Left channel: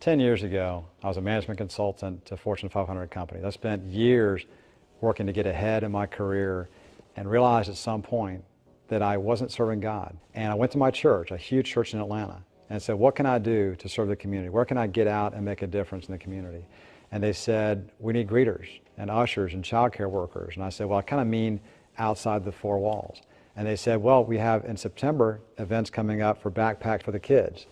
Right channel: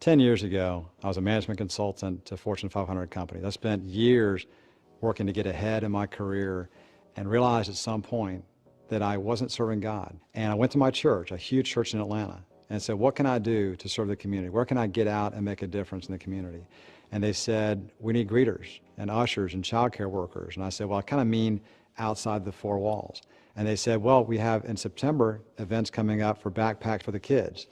10 years ago, I was a management consultant to a Fortune 500 company. I spent years working to get ahead in my career and realized at some point that I wasn't serving God. And I went to my church, a huge church in Atlanta, and said, what can I do to serve the community? Where can I get out and make a difference in the community? And they said, we need greeters and ushers and childcare workers. And I said, well, I kind of mean outside the four walls. And they said, well, we have in September events coming up for backpacks for the kids.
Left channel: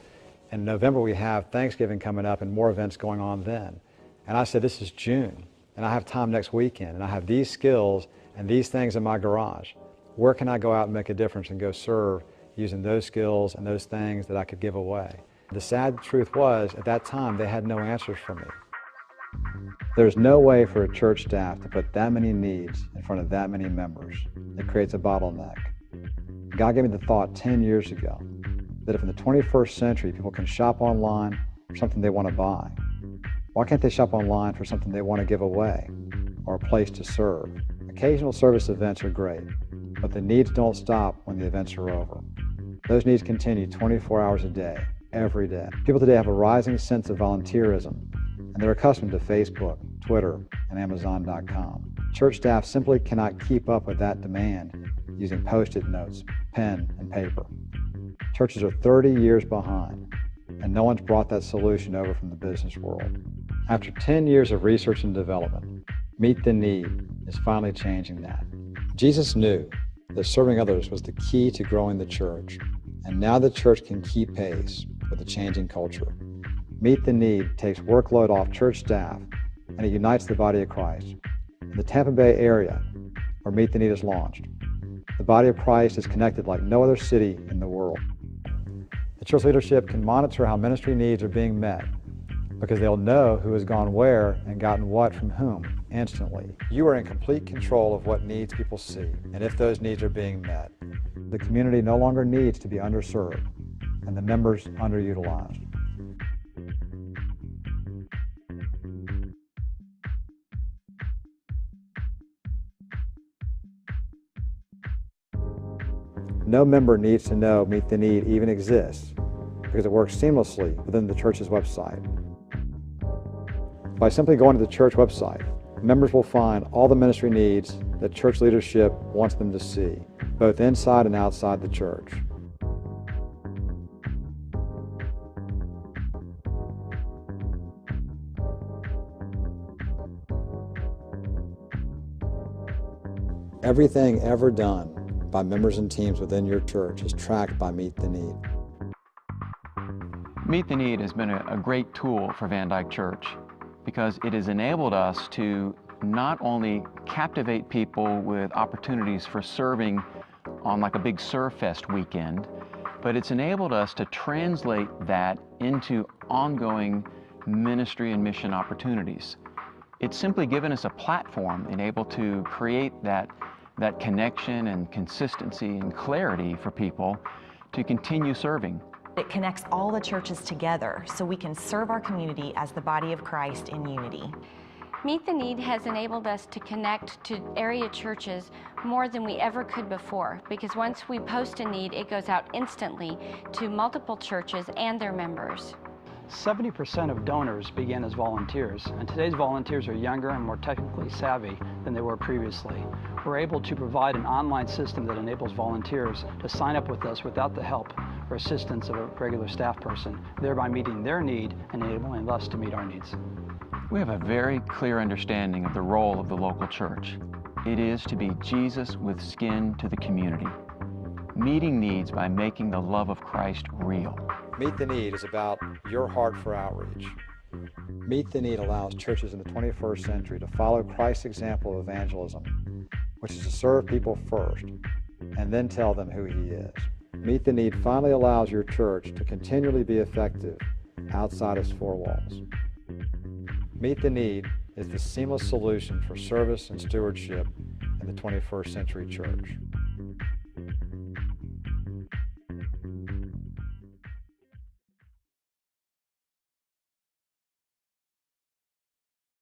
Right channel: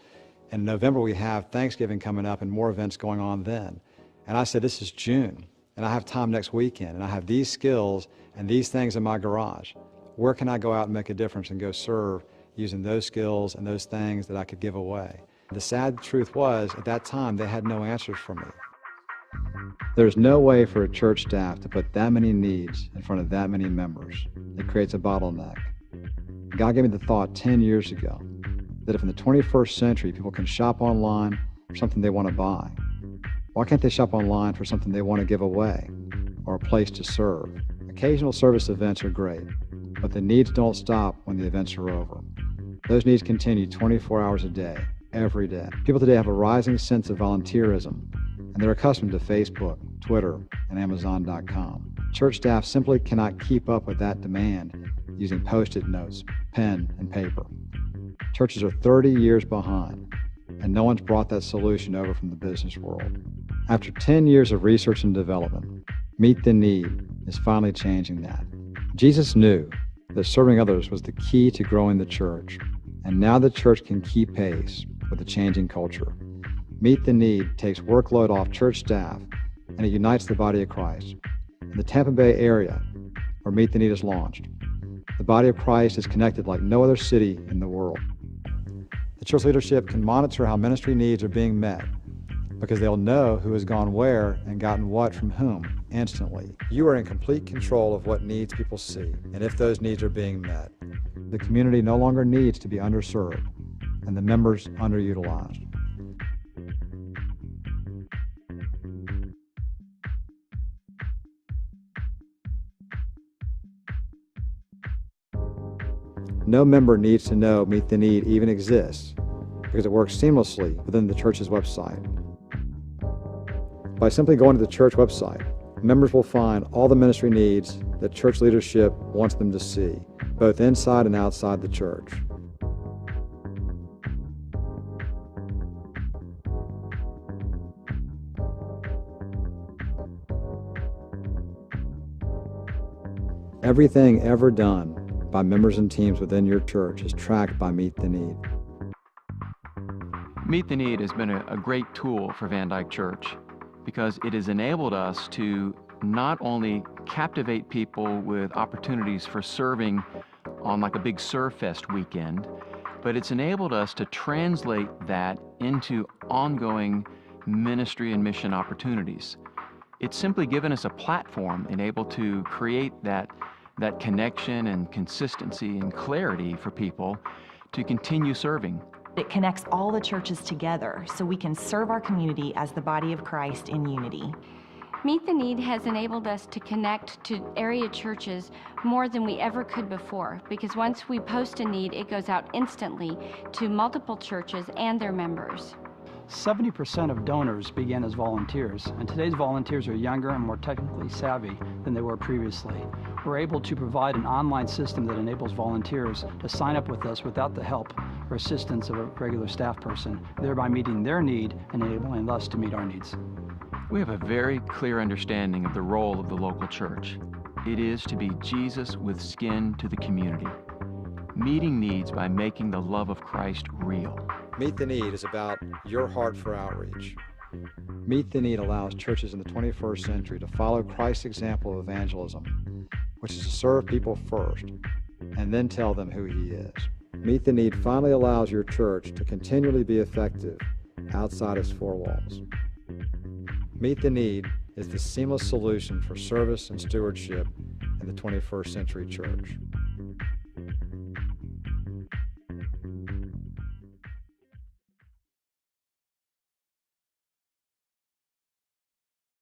In November, we have Thanksgiving coming up and more events going on then. And I said, this is June, and I have time next weekend, and I have these skills and these things in my garage. Where can I go out and make a difference and go serve using those skills and those things that I could give away? The sad truth was, at that time, they had no answers for me. There's no way for a church staff to put that many needs in front of that many members. It creates a bottleneck. God gave me the thought 10 years ago that if in the 21st century people can shop online for something they want to buy, why can't they shop online for something they want to give away or a place to serve? Occasional service events are great, but the needs don't stop when the events are over. Those needs continue 24 hours a day, every day. People today have a rising sense of volunteerism, and they're accustomed to Facebook, Twitter, and Amazon.com. Church staff simply cannot keep up with that demand using Post-it notes, pen, and paper. Churches are 30 years behind, and no one's brought that solution over from the business world. After 10 years of research and development, Meet the Need is finally changing that. Jesus knew that serving others was the key to growing the church, and now the church can keep pace with the changing culture. Meet the Need takes workload off church staff, and it unites the body of Christ. In the Tampa Bay area, where Meet the Need is launched, the body of Christ is connected like no other city in the world. The church leadership can monitor how ministry needs are being met because they'll know who has gone where and gotten what from whom instantly. You are in complete control of what needs people see and if those needs are being met. The community no longer needs to be underserved and the members underutilized. No member needs to know Meet the Need even exists because it works seamlessly within the church's website. By simply going to the church website, members will find all the ministry needs that church leadership wants them to see, both inside and outside the church. Everything ever done by members and teams within your church is tracked by Meet the Need. Meet the Need has been a great tool for Van Dyke Church because it has enabled us to not only captivate people with opportunities for serving on like a big Serve Fest weekend, but it's enabled us to translate that into ongoing ministry and mission opportunities. It's simply given us a platform and able to create that connection and consistency and clarity for people to continue serving. It connects all the churches together so we can serve our community as the body of Christ in unity. Meet the Need has enabled us to connect to area churches more than we ever could before, because once we post a need, it goes out instantly to multiple churches and their members. 70% of donors begin as volunteers, and today's volunteers are younger and more technically savvy than they were previously. We're able to provide an online system that enables volunteers to sign up with us without the help or assistance of a regular staff person, thereby meeting their need and enabling us to meet our needs. We have a very clear understanding of the role of the local church. It is to be Jesus with skin to the community, meeting needs by making the love of Christ real. Meet the Need is about your heart for outreach. Meet the Need allows churches in the 21st century to follow Christ's example of evangelism, which is to serve people first and then tell them who He is. Meet the Need finally allows your church to continually be effective outside its four walls. Meet the Need is the seamless solution for service and stewardship in the 21st century church.